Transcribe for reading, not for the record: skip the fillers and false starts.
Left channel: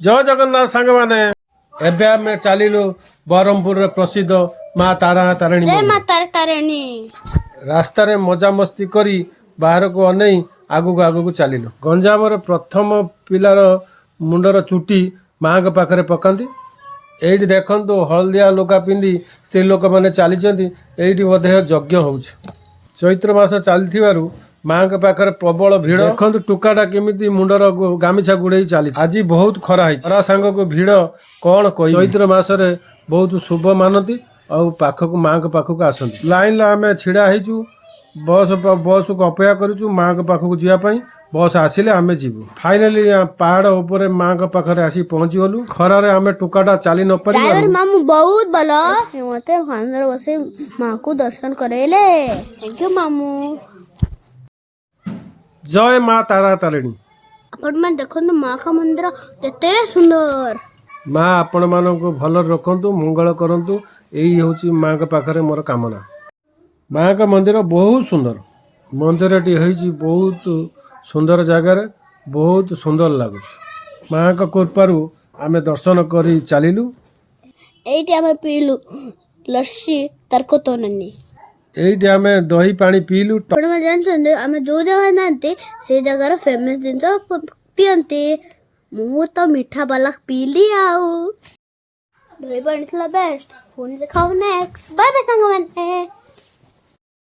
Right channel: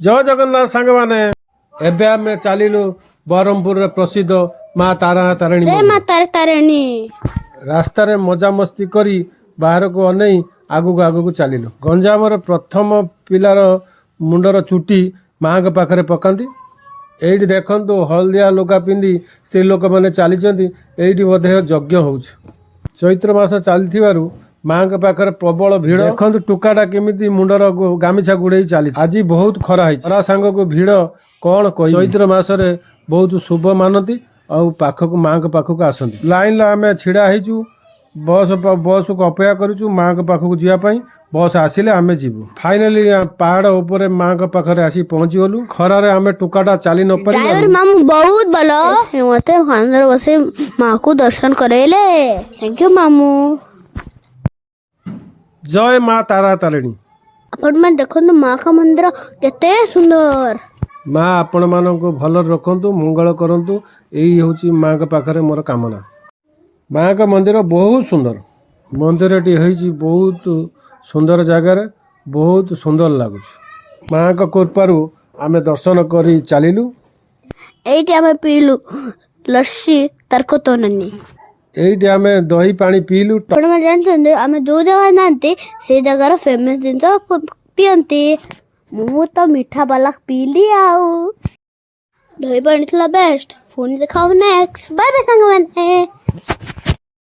जय जगन्नाथ सांग माने एबे आमे चलिलु बरहमपुर रे प्रसिद्ध माँ तारा तारिणी जय मंदिर। माँ तारा तारिणी। रास्ता रे मजा मस्ती करी बाहर को अनै आगु चलिलु। गंजाम रे प्रथम पिलार मुंडर चुटी माँ के पाखरे पकांती। एइटी देखंतु हलदिया लोका पिंदी स्त्री लोक माने चलीचंती। एइटी बोधे यज्ञ होउछ। चैत्र मास चलथिबारु माँ के पाखरे प्रबल भीड़। देखंतु टुकाटा केमिति मुंडर गामिछा गुड़ेई चली। आज बहुत खरा है खरा सांग को भीड़ कौन कही। चैत्र मास रे बहुत शुभ मानती और पाखक माँ के पाखक आसती। लाइन ला आमे छिड़ा हेचु बस को अपेक्षा करूछु माँ के पाखक जिया पई। बस आसिले आमे जीवु। फाइनली पहाड़ ऊपर माँ के पाखरे आसी पहुंची गलु। खरा रे आमे टुकाटा चली न पारि। ड्राइवर मामू बहुत भलो मते अंदर बसे माँ को दर्शन करेले। थैंक यू मामू। जय माँ तारा तारिणी। आपण में देखो माँ का मंदिर केते सुंदर। माँ आपण मानक भल रखंतु मंगल करंतु यही होची माँ के पाखरे मोर कामना। माँ का मंदिर बहुत सुंदर। मंदिर टी होईची बहुत सुंदर जगार बहुत सुंदर लागुच। माँ का कृपारू आमे दर्शन करी चलिलु। एइटी आमे पीलु लस्सी तरको तो नन्नी। एइटी आमे दही पानी पीलु। आपण में जानछन आमे जो जगह नांती से जगह फेमस जिंस पियंती। मु तो मीठा वाला पीली आउ दही पानी थला बेस्ट। फोन दिखाओ नेक्स्ट। बाय बाय संग